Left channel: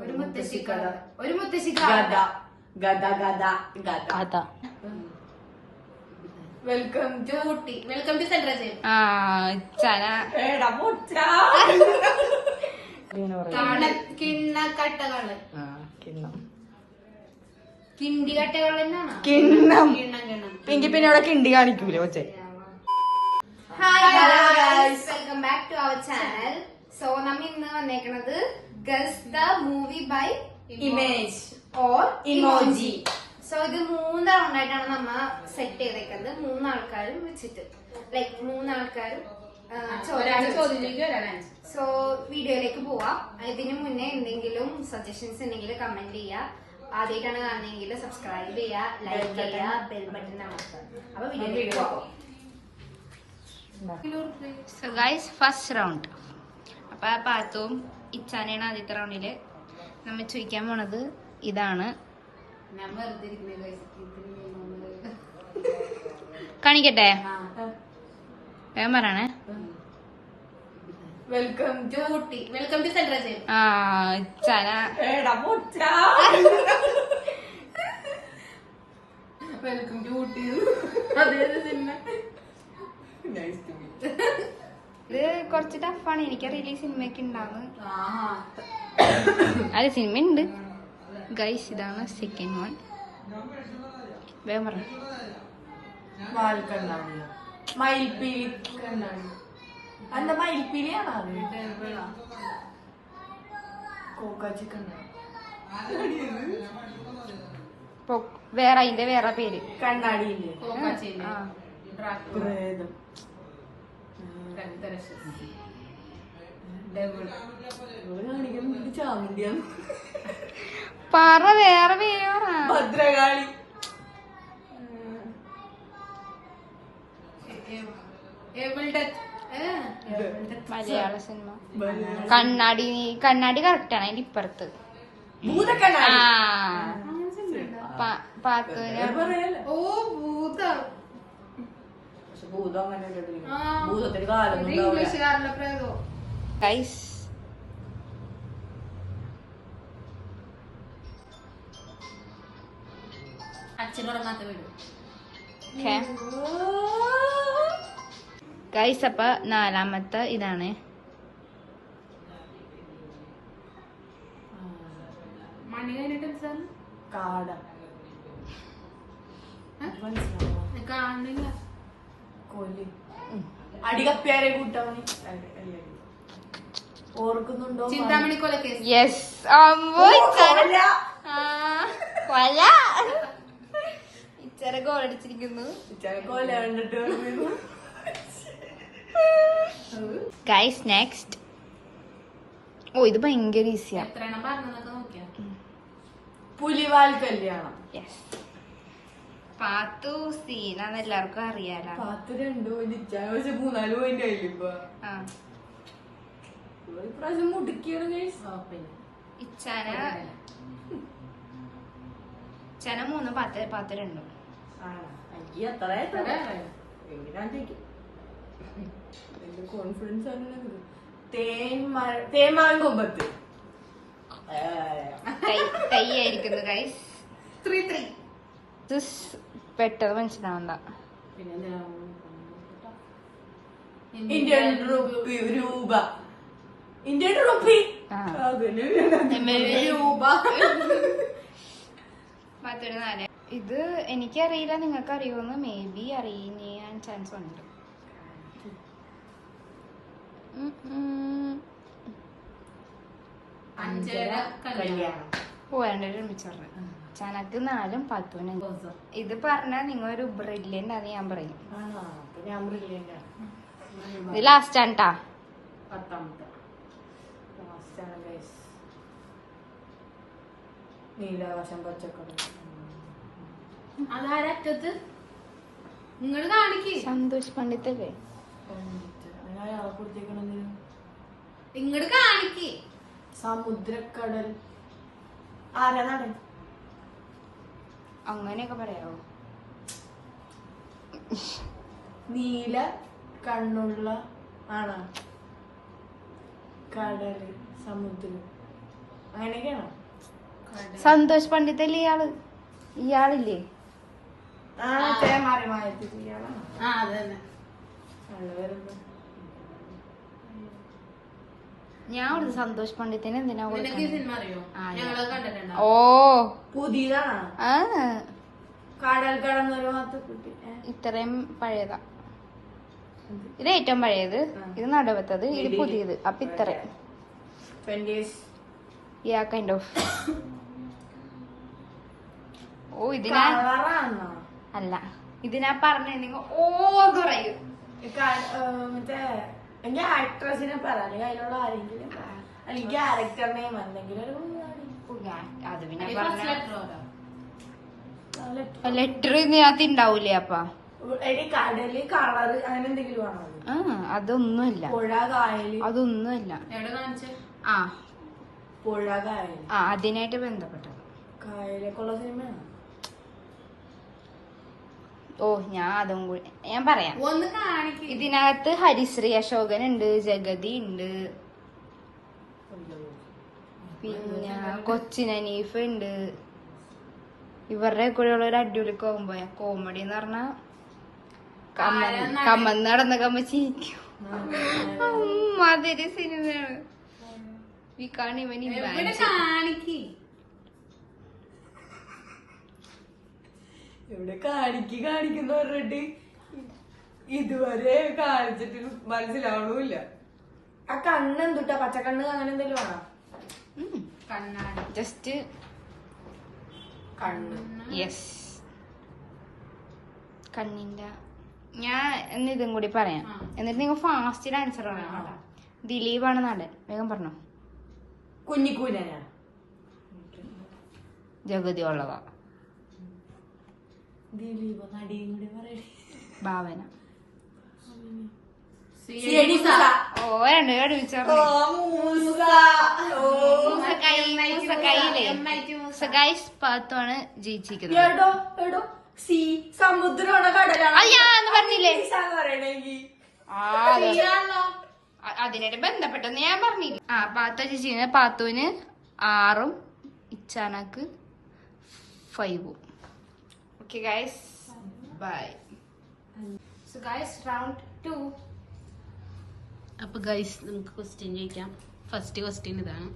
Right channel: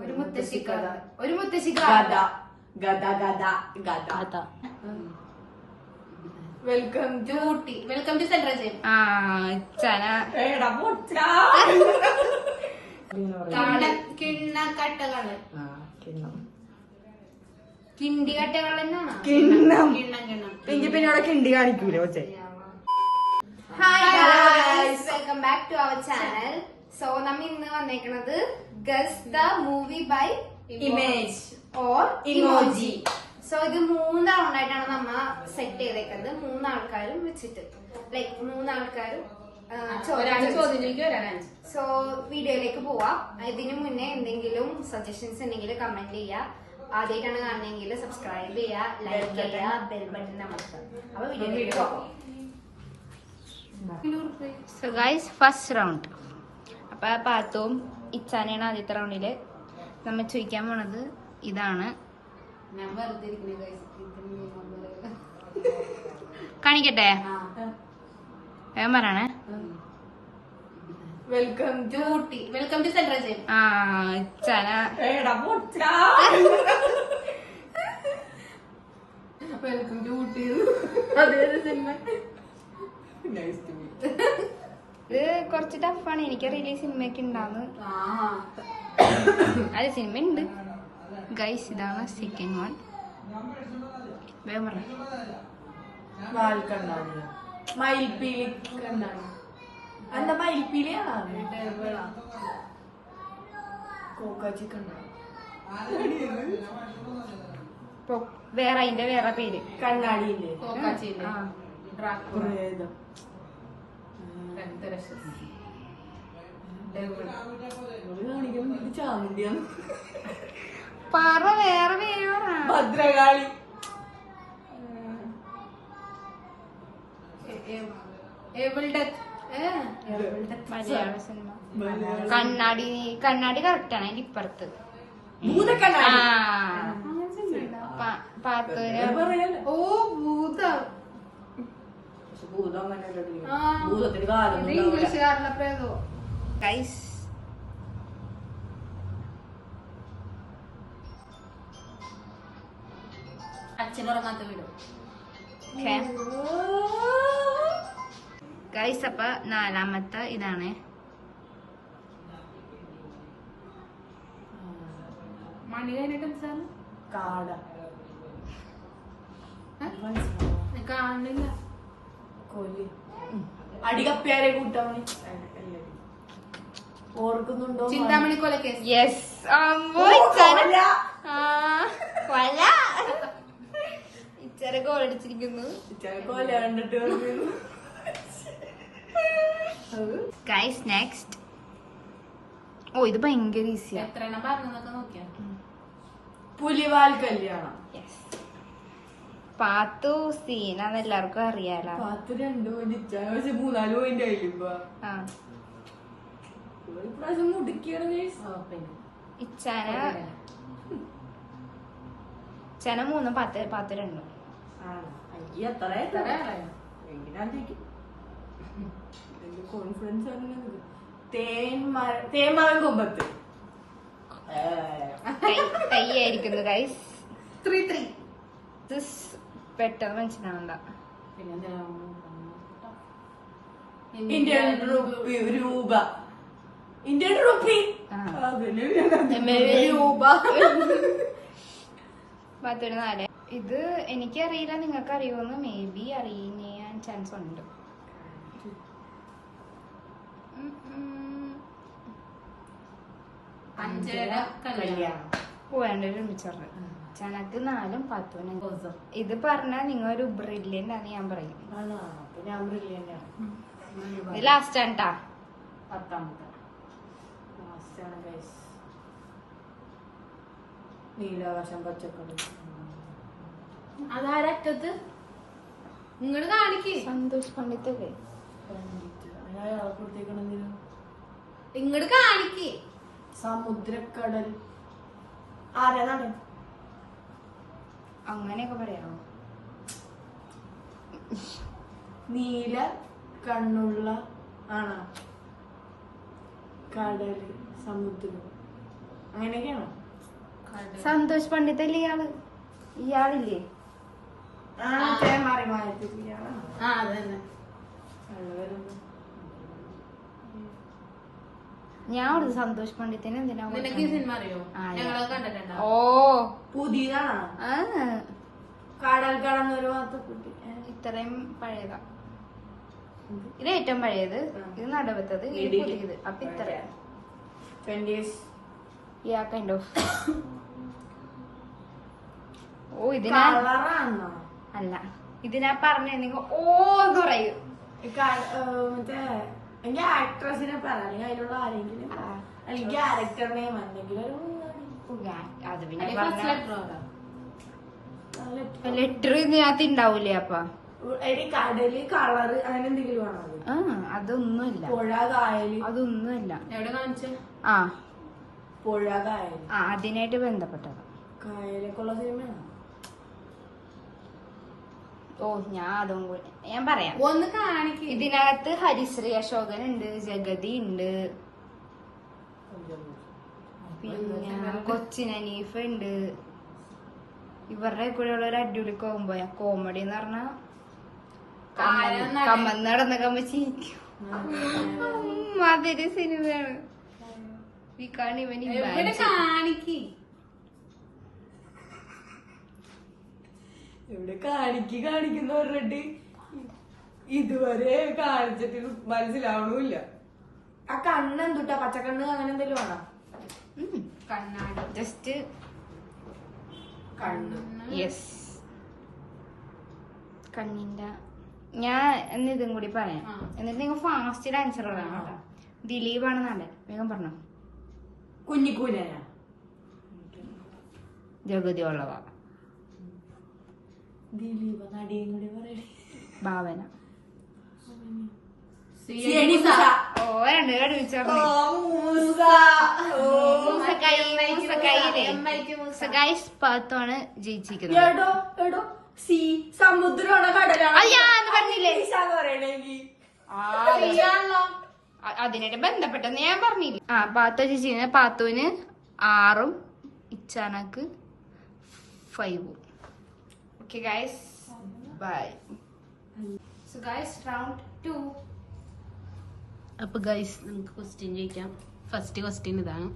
ഒരു മുത്തശ്ശി ഗദ. Welcome to Ooty. Welcome to central jail. കിണ്ണക്കട്ടകള് കിണ്ടി കട്ടകൾ തന്നെയാണ്. കിണ്ണം എങ്കിൽ പിന്നെ ഇവിടെ കിണ്ടി കാണിക്കൂലോ കൊച്ചെ. Hi guys, welcome back to our channel. So നമ്മ ഇന്ന് വന്നേക്കണത് guess the movie by image or emoji. So ഇത് 3 റൗണ്ടായിട്ടാണ് നമ്മ സെറ്റ് ചെയ്തേക്കുന്നത്. 3 ആൾക്കാരും വെച്ചിട്ട് ലൈക്ക് 3 ആൾക്കാരും സോ വീഡിയോയിലേക്ക് പോവാം. ഇതിനു മുന്നേ എന്തെങ്കിലും സജഷൻസ് ഉണ്ടെങ്കിൽ കമന്റ് ചെയ്യുക. ആദ്യമായിട്ടാണ് കാണുന്നതെങ്കിൽ സബ്സ്ക്രൈബ് ചെയ്യുക, ലൈക്ക് ചെയ്യുക, ബെൽ ബട്ടൺ അമർത്തുക. അപ്പൊ വീഡിയോയിലേക്ക് പോവാം. So guys, first round. അപ്പൊ പാത്തും ഇച്ചാനെയാണ് ആദ്യത്തെ റൗണ്ടില്. നമ്മ ചോദിക്കാൻ പോണത് ഇതാണ്. ഞാൻ വെറുതെ കാണിക്കട്ടെ, വേഗം പറയണേ. Welcome to Ooty. Welcome to central jail. ഇച്ചാന വെൽക്കം ടു ഊട്ടി. അതേത് സിനിമ? ഇത് കുറച്ച് ടഫാണ്, എനിക്കറിയില്ല ഈ സിനിമയൊക്കെ ഉണ്ടാവുന്നു. അത് സിനിമ ഉണ്ട് ഗൈസ്. ഇതാണ് സെക്കൻഡ് വൺ. വേഗം പറഞ്ഞു. മയിൽപ്പീലി എന്താ മയിൽപ്പീലിയാണോ? വേറെ അതിന്റെ വേറെ പേര് കണ്ണാടിയില്ലേ? ചാമുണ്ടിയാണ്. പറ, വേറെ പേര്. ഭദ്രകാളി. മലയാള സിനിമ. കണ്ണാടി കറക്റ്റാണ്. അതിന്റെ ഇപ്പുറത്ത് ഓ ഭൂതം. ഇംഗ്ലീഷുകാരുടെ പ്രേതോ. ഗൈസ് അച്ഛനുറങ്ങാത്ത വീട്. ഗൈസ്, അപ്പൊ 4ാമത്തെ ഇതാണ്. മണി കഴിഞ്ഞിട്ട് കാട കാണില്ല. കൊല്ലി അടികപ്പ്യാരെ കൂട്ടമണി ഓർക്കുന്നുണ്ടോ? ചിന്താമണി കൊലക്കേസ്. യെസ്. ഇച്ചര ഗോളടിച്ചിരിക്കുന്നു. കൊല കണ്ടിട്ട് ഗൈസ് നെക്സ്റ്റ്. ഓ, ഇത് ഭയങ്കര ഈസിയാ. എത്രയെണ്ണം പറഞ്ഞതൊക്കെ നോക്കിയാ. പുലിവാൽ കല്യാണം. പാത്തു സീനാന്ന് എല്ലാവർക്കും അറിയാലോ. 2 പോയിന്റ് 3-4 പോയിന്റ് ആയില്ല. ഇപ്രാവശ്യം മുടുക്കിയാണ്. ഇച്ചാന 3 പാത്ത് 2. കോൺഫിഡൻസ് തേന്മാൻ കൊമ്പത്ത് കൈയായിരിക്കുന്നു ഗൈസ്. 3-3. പെട്ടെന്ന് മനസ്സിലാവണ്ട. പിന്നെ ഇന്ത്യൻ രൂപ. Indian rupee. രൂപ. 4. ഇത് എനിക്കറിയില്ല, നിങ്ങൾക്ക് അറിയുമെന്ന്. മേ ബി അറിയാൻ ചാൻസ് ഉണ്ട്. പോയാണ്ട് ഒരുമിച്ച് പറഞ്ഞു. ചനക്ക് 4ഉം 10. ഇത് പറഞ്ഞാൽ നിങ്ങൾ ഒരു ബ്രില്യന്റ് അത് ഞാൻ പറയും. ഇത് ലാസ്റ്റ് ആണ് ട്ടാ. 10ാമത്തെ നീലാകാശം പച്ചക്കറി. അതാരറ്റത്ത് നിങ്ങള് കാണിക്ക്. സന്തോഷ് പണ്ഡിറ്റല്ലേ? ഇങ്ങട് കാണിക്ക്. സമുദ്രക്കടൽ. ആരാണ്? അങ്ങനെയൊക്കെ പറയാമോ? നീല കണ്ണുള്ള ആണോ? കടല്, സമുദ്രം. അങ്ങനെയൊക്കെയാണോ? സന്തോഷ് പണ്ഡിറ്റ് അല്ലേ ഇയാളില്ലേ? മാറി മായത്തിലാണ്. അത് തന്നെ. ഞാൻ ഒരു സന്തോഷ് പണ്ഡിറ്റിന് എന്തിനാ നിനക്ക് ഈ സിനിമ അറിയോ? ആ, ഞങ്ങളത് കണ്ടിട്ടുണ്ടോ? ഓ പുതിയതാണ്. ആ കടൽ കടന്നൊരു ഭാഗത്ത് കുട്ടി. ഇത്രയും പഴയതാ. ഇത് ഏറ്റവും പഴയത്, ഇത് നടുവത്തത്, ഇത് പുതിയത്. അപ്പൊ ഇത്ര കൈൻഡ് ഓഫ്. ഓ ഇതിനാ അല്ല, ഇതിനാ പറഞ്ഞിട്ടുണ്ടെങ്കിൽ ഓ എന്ന് പറയും. മറ്റേ എനിക്ക് ആക്ട്രസിനെ പറയാം, അതിലുള്ള ആരെങ്കിലും അല്ലെങ്കിൽ ക്യാരക്ടർ നെയിം അല്ലെങ്കിൽ അത് പിന്നെ ഫസ്റ്റ് ലെറ്റർ പറ. ലെറ്റർ ഇതിനകത്ത് ഉണ്ടാവൂലേ? അപ്പൊ കടല് കളറ് അങ്ങനെ എന്തെങ്കിലും ആണോ അത്? അതൊന്നുമില്ല, പുഴ കായല് അതൊന്നുമില്ല. എവിടെ കാണിച്ചേ? ആ പുഴ കായല് അതിനായിട്ട് ബന്ധപ്പെട്ടത്. കായലൊക്കെ ഉള്ള സിനിമയാണോ? ഓ ഞാൻ അതും കൂടി ഞാൻ പറയാം. ഒന്ന് കാണിക്ക്. ഇതിനകത്ത് ഹരിശ്രീ അശോകൻ ഉണ്ട്, ജഗതി ഉണ്ട്, പിന്നെ കൊച്ചിൻ അനീഫ് ഉണ്ട്. ഇവരുടെ കൂടെയുള്ള ഒരു അടിപൊളി കോമ്പോയാ. കോമഡി എന്ന് പറഞ്ഞാ കമ്മന്ന് നടന്നൊക്കെ ചിരിക്കും. അതൊരു സിനിമയാണ്. എവിടെ കാണിക്ക്. ഇവിടെ കാണിക്കുന്ന പറഞ്ഞിട്ട് ഇതുവരെ കാണിച്ചിട്ട് മനസ്സിലാവണമില്ല. ആ കണ്ണെന്തുട്ടാ, പച്ചക്കണ്ണ് അങ്ങനെ എന്തെങ്കിലും ആണോ? കണ്ണാടി. ജസ്റ്റ് കണ്ണ്. യെസ്, കണ്ണിന്റെ. ഞാൻ എന്ന് ഇതും കൂടി പറയാം, എന്നിട്ട് നിങ്ങൾ ഫാസ്റ്റ് ആൻസർ പറയാം കേട്ടോ. ദിലീപാണ് നടൻ. വേഗം പറഞ്ഞോ. കുഞ്ഞിക്കൂനാ? ജഗതി ഉള്ളതാ. ദിലീപ് നടിയും കൂടി പറയണേ. ഭാവന. ഓ രണ്ട് പാത്താണ് ജയിച്ചിരിക്കുന്നത്. എടോ എടോ സി സമുദ്രമാണോ കടലാണോ? അത് ഞാനത് പറഞ്ഞില്ലേ? പറയണെങ്കിൽ അതിനായിട്ട് ബന്ധപ്പെട്ടെന്ന് ഞാൻ പറഞ്ഞില്ല. പാത്തു ചേച്ചി. പാത്തുവിന് 6 ഇച്ചാനക്ക് 5. Okay guys, bye. So guys, round 2. അപ്പൊ ഗൈസ് നമുക്ക് ക്വസ്റ്റ്യൻ ചോദിക്കാം. ഫസ്റ്റ് ക്വസ്റ്റ്യൻ ഇതാണ്.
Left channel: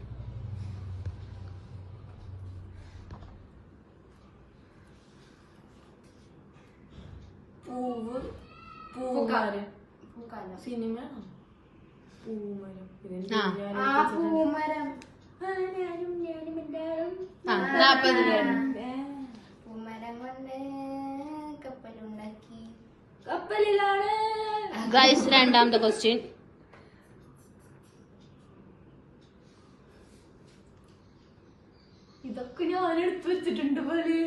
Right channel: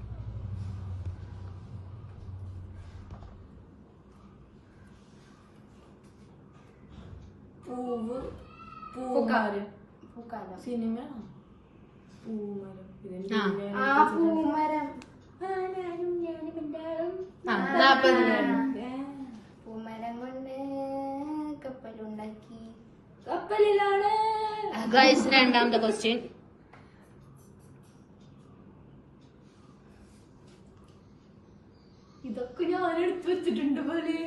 പൂവ് പൂക്കാലം. സിനിമ പൂമരം. പൂമരം. പൂമരം കൊണ്ട് കപ്പലുണ്ടാക്കി. കപ്പലിലാണ്. ഗൈസ് രണ്ടാമത്തെ ക്വസ്റ്റ്യൻ. ഇതൊക്കെ ഞാൻ എടുത്തു വെച്ചിട്ടുണ്ട് പോലെ,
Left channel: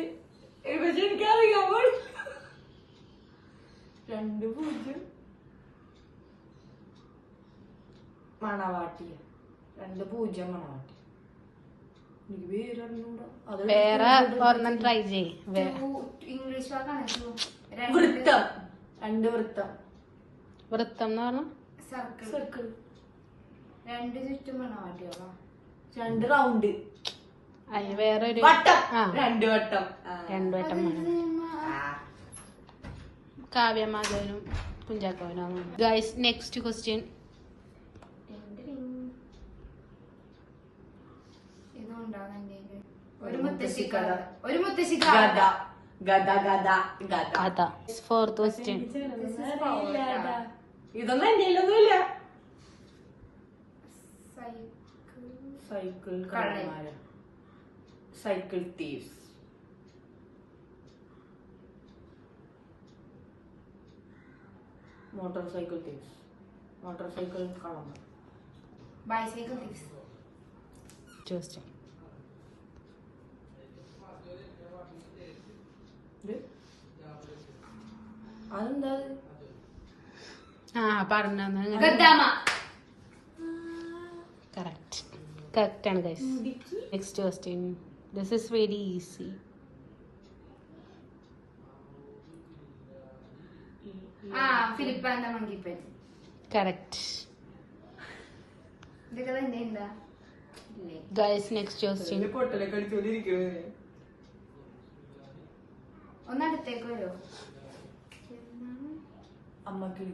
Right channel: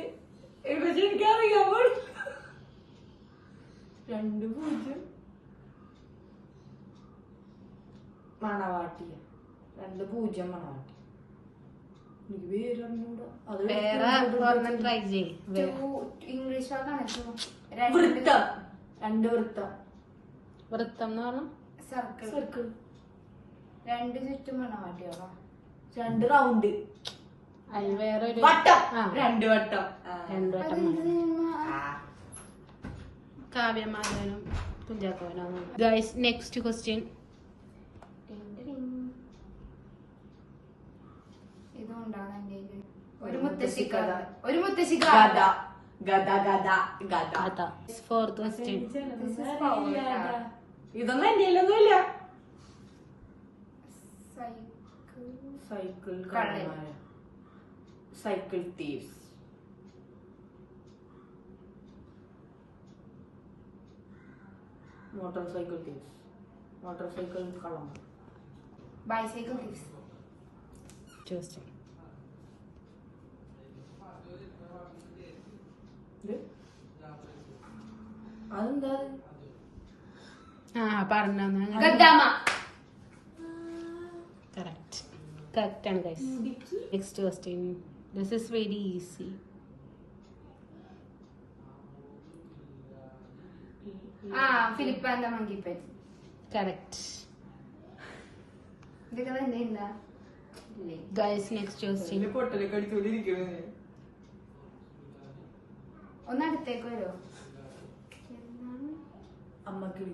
പക്ഷെ എനിക്കറിയാൻ പാടില്ല. 2-0 മണവാട്ടി. 2-0 മണവാട്ടി. എനിക്ക് പേരറിഞ്ഞൂടാ. അത് വേറെ ഒരെണ്ണം ട്രൈ ചെയ്യ്. ഇംഗ്ലീഷ് വൃത്തം. 2 വൃത്തം. വൃത്തം എന്ന് പറഞ്ഞ സർക്കിൾ. സർക്കിൾ. 2 ചുറ്റും മണവാട്ടിയോളാ. 2 റൗണ്ട്. അതിന് വേറൊരു വട്ടം. 2 വട്ടം. 2 വട്ടം. കാവ്യമാധവനും കുഞ്ചാക്കോവനും. Guys next question. ഇതുകൊണ്ടാണ് എന്റെ ഒരു മുത്തശ്ശിക്കഥ. ഒരു മുത്തശ്ശി ഗദ. ഗദ ഗദ ഗദ. അതാ ഫോർത്ത് ക്വസ്റ്റ്യൻ. ഇതൊന്നും എന്റെ ഒന്നുമില്ല. സൈക്കിൾ കള്ളന്മാര്. Cycle thieves. Motor cycle thieves. Motor cycle കള്ളന്മാർ. Bicycle thieves. ക്വസ്റ്റ്യൻ. അതെന്താ? പറഞ്ഞ ഗദ്ദാമ. കറക്റ്റ്. കറക്റ്റ് ആണ് guys. Next question. This is very easy. Philip and the monkey pen. Correct. ഇതൊക്കെ തന്നെ എന്താ? ഇല്ലേ? Guys next question. പൊട്ടലൊക്കെ അടിച്ചോണ്ടിരിക്കുന്നത്. ഒന്ന് അടുത്തേക്ക് വരുമോ? അമ്മക്ക്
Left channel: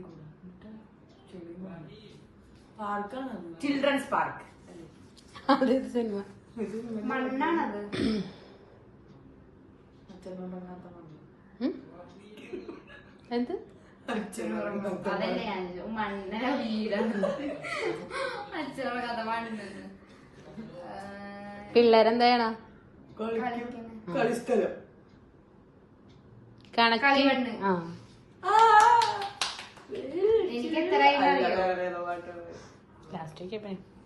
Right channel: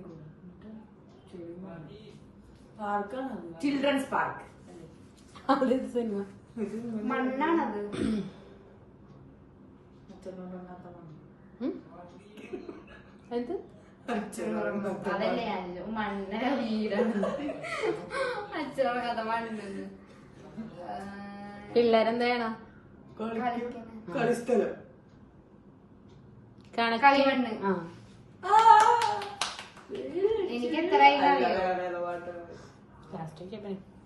ചിൽഡ്രൻസ് പാർക്ക്. മണ്ണാണത്. എന്ത് അതല്ലേ ഞാൻ മണ്ണ വീടാണ്. അച്ഛനോട് കഥ മണ്ണെന്ന്. പിള്ളേരെന്താ ചെയ്യണ? കളിസ്ഥലം. കളിമണ്ണ്. ആ എനിക്ക് എത്ര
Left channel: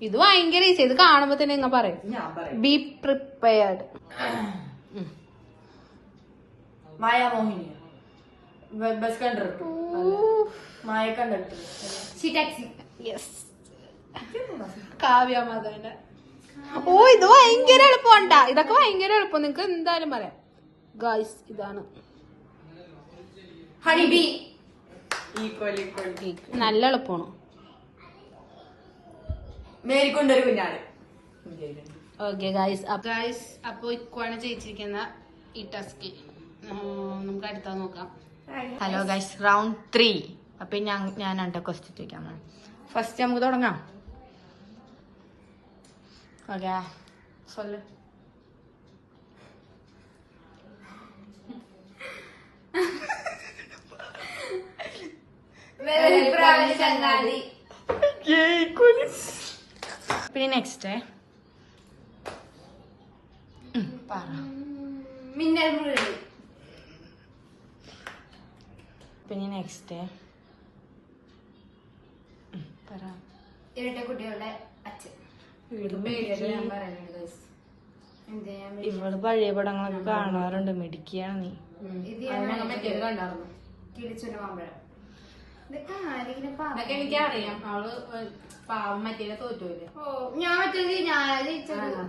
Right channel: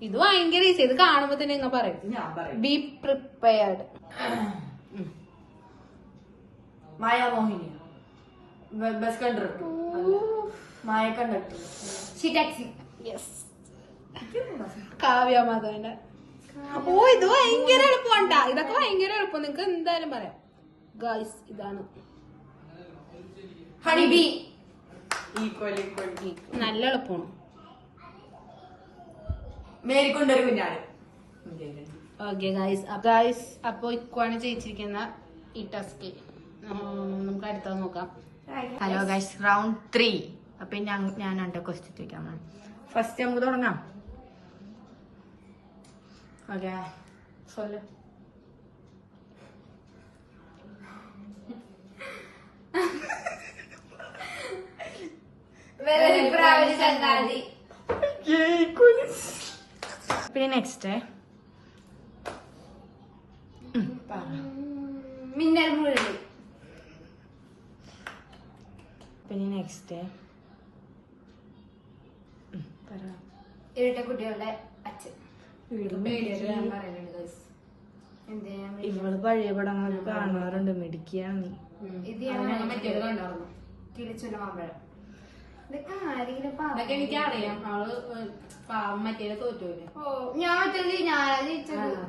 ഇത് ഭയങ്കര ഈസി. ഇത് കാണുമ്പോ തന്നെ നിങ്ങൾ പറയും. ഞാൻ പറയും. Be prepared. മായാമോഹിനി. Bus conductor. Maya conductor. Taxi. Kavya മാധവന്റെ. ഓ ഇത് ഭയങ്കര എളുപ്പമുണ്ടാ. ഇതൊക്കെ ഭയങ്കര എളുപ്പം. നിങ്ങക്ക് എന്തായാലും പറയാം. ഗൈസ് ഇതാണ് ഹണിബി. നല്ല എളുപ്പമാണ്. മേരിക്കൊണ്ടൊരു കുഞ്ഞാട്. ഓക്കെ ഗൈസ് ഗൈസ് അപ്പൊ ഇക്കുവാണ് ജയിച്ചിരിക്കുന്ന ഈ ടാസ്ക്. നമുക്ക് അടുത്തത് നോക്കാം. Hello guys, round 3. അപ്പൊ ഞാനാണ് ക്വസ്റ്റ്യൻ ചോദിക്കാൻ പോണെ. ഫസ്റ്റ് നമുക്ക് തുടങ്ങാം. ഓക്കെ, സൊല്ല്. ചങ്ങാതി. പിന്നെ നെക്സ്റ്റ് മിന്നൽ മുരളി. പിന്നെ നെക്സ്റ്റ് ഇരട്ട കുട്ടികളുടെ അച്ഛൻ. ഞാൻ പറയുന്നുണ്ട് guys. എന്ത് ചെയ്യാൻ വേണ്ടി? ഇവള് പഴയ പടങ്ങളൊക്കെ കാണാറുണ്ട്. മിടിക്കുകയാണ് നീ. ഇത് ഞാൻ കണ്ടായിരുന്നു. കിളിച്ചൊരു മാമ്പഴം. ഇതൊക്കെ ആരെങ്കിലും അതൊക്കെ എനിക്കറിയാം. അവള് പാവം മറ്റേ തോറ്റൂല്ലേ. ഓ ഞാൻ മറ്റേത് ഞാനാ ജയിച്ചത്.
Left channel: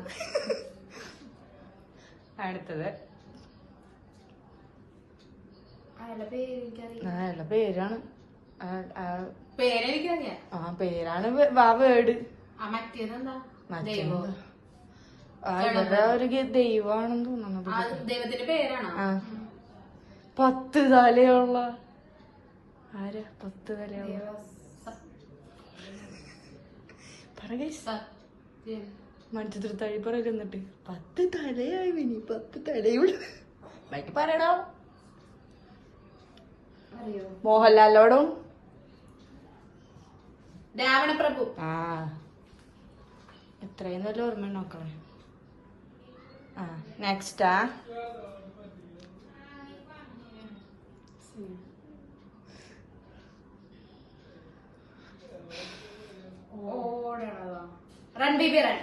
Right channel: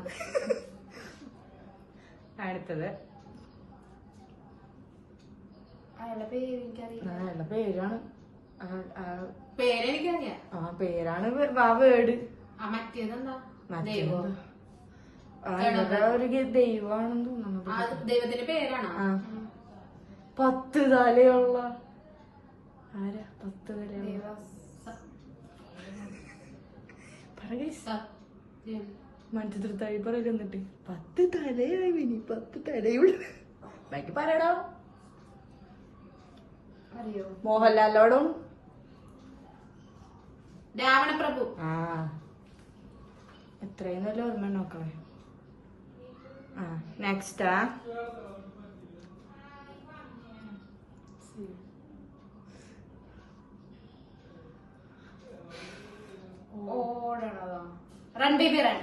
അടുത്തത് അയാളുടെ പേര് എനിക്കറിയാം. അയാളുടെ പേരാണ് പേരെനിക്കറിയാം. പേരാണ് വേർഡ്. മറ്റേതെന്താ? ഇവരുടെ ഒരു ദൈവമാണെന്ന് തോന്നുന്നത്. ദൈവത്തിന്റെ പേരാണോ? 10 തലയുള്ള ആരാ? 10 തലയുള്ള മഞ്ചിത്രത്താഴി പറയല്. എന്നിട്ട് 10 തലയായി വിനി, 10 തലയുള്ള ബാക്കി പറയടാ. അറിയോ? മോഹൻലാലോടും രാവണപ്രഭു. എത്രയും നല്ല ഓർമ്മ നോക്കളെ. നെക്സ്റ്റാ ഓടണതോ? രൺബീബി റൺ.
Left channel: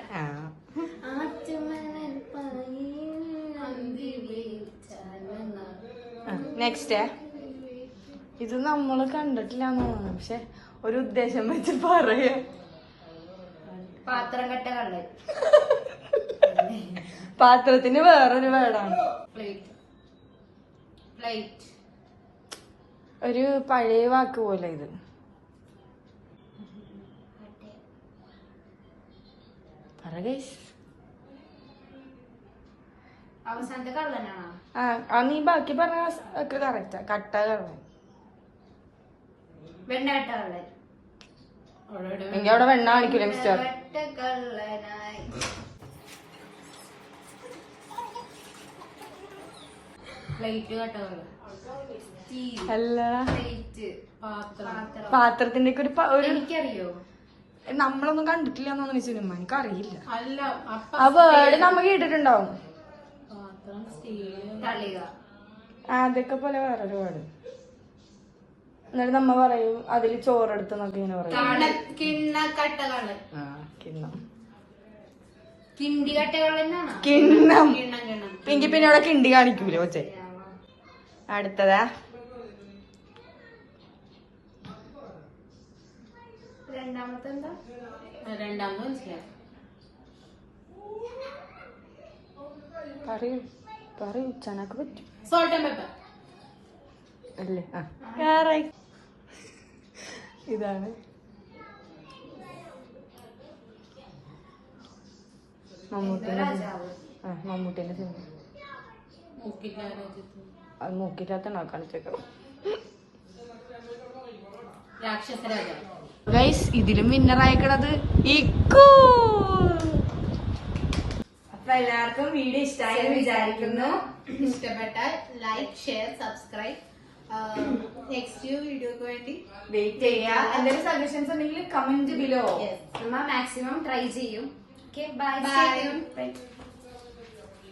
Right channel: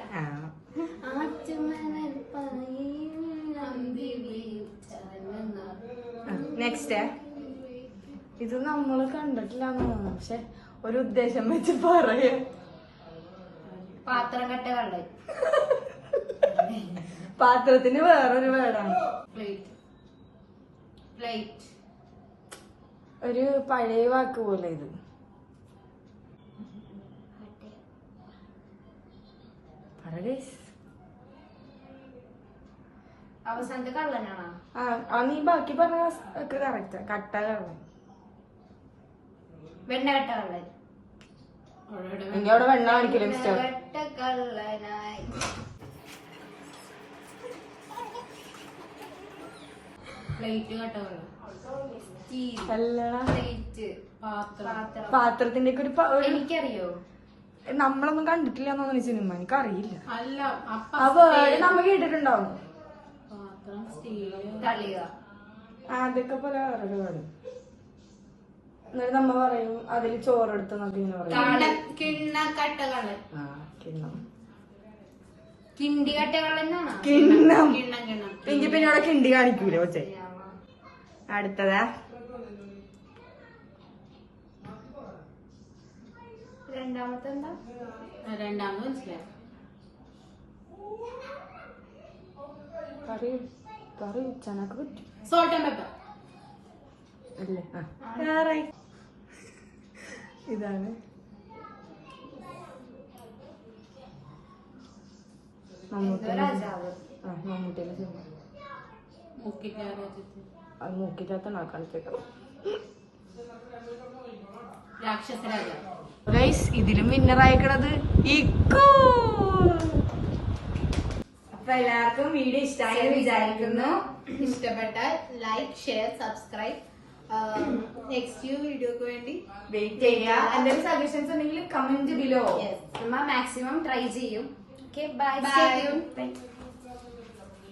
നെക്സ്റ്റ് ഇത് നമ്മള് കണ്ടിട്ടില്ലാന്ന് തോന്നുന്നു. പക്ഷെ ഒരു ഉദ്ദേശം വെച്ച് പറയാ. പാത്രം കെട്ട കള്ളൻ. പാത്രത്തിന് വേറൊരു വേടാണ്. പ്ലേറ്റ്. പ്ലേറ്റ്. ഒരു പഴയ വാക്ക് പോലെ ഇത്. അവസാനത്തെ കള്ളനാണോ? നീ ബാക്കി പറഞ്ഞ ഒക്കെ കറക്റ്റാ. കട്ട കള്ളൻ. വെണ്ണ കെട്ട കള്ളൻ. എനിക്ക് അവിടെ വെണ്ണ കാണിക്കില്ല മിസ്റ്റർ. കെട്ട കള്ളനായി. പ്ലേറ്റ് കേട്ടവല്ലോ. അല്ല, പ്ലേറ്റ്. പാത്രം. പാത്രത്തിന്റെ ഒക്കെ ഒരു എനിക്കറിയോ? നമ്മളൊന്നും കണ്ടിട്ടില്ല തോന്നുന്നു സിനിമ. എനിക്ക് അറിയില്ല. അല്ല, ആ വേർഡ് നമ്മ കേട്ടിട്ടുണ്ടാവും. പാത്രം, സ്റ്റീല്, തളിക. അതൊക്കെ പോലെ വേറൊരു വേർഡ്. എന്നിട്ട് നമ്മ പറയും അതില് ചോറെടുത്ത് നോക്കി ഇങ്ങനെ പറയും. കിണ്ണ കെട്ട കള്ളൻ. കിണ്ണം. കിണ്ടി കെട്ട കള്ളനാണോ? കിണ്ണം. കിണ്ണം കിണ്ണം. എങ്കിൽ പിന്നെ അവിടെ കിണ്ടി കാണിക്കൂല കൊച്ചെ. അടുത്തതാ രണ്ടാമത്തെ എന്താ? രണ്ടാമത് മനസ്സിലായി. പറയൂ ചനക്ക് പറ്റും. Salt and pepper. അല്ലേ? ഇതാണ് എന്തോ രാജാവ്. മമ്മൂട്ടിന്റെ സിനിമ അത് മൂക്കില്ലാത്ത കാണിച്ചേക്കണം. രാക്ഷസ രാജാവ്. ഗൈസ് ഇതിലും വിന്നർ അയക്കണത് ഇക്കു. അപ്പൊ എല്ലാവർക്കും വീഡിയോ ഇഷ്ടമായി എന്ന് വിചാരിക്കുന്നു. ഇഷ്ടപ്പെട്ടാൽ ലൈക്ക്, ഷെയർ, സബ്സ്ക്രൈബ്. നെക്സ്റ്റ് വീഡിയോക്ക് വേണ്ടി വെയിറ്റ് ചെയ്യാ. എന്തെങ്കിലും സജഷൻസ് ഉണ്ടെങ്കിൽ കമന്റ് ബിലോ. നമ്മ മാക്സിമം ട്രൈ ചെയ്യും. Okay, bye. ബൈ.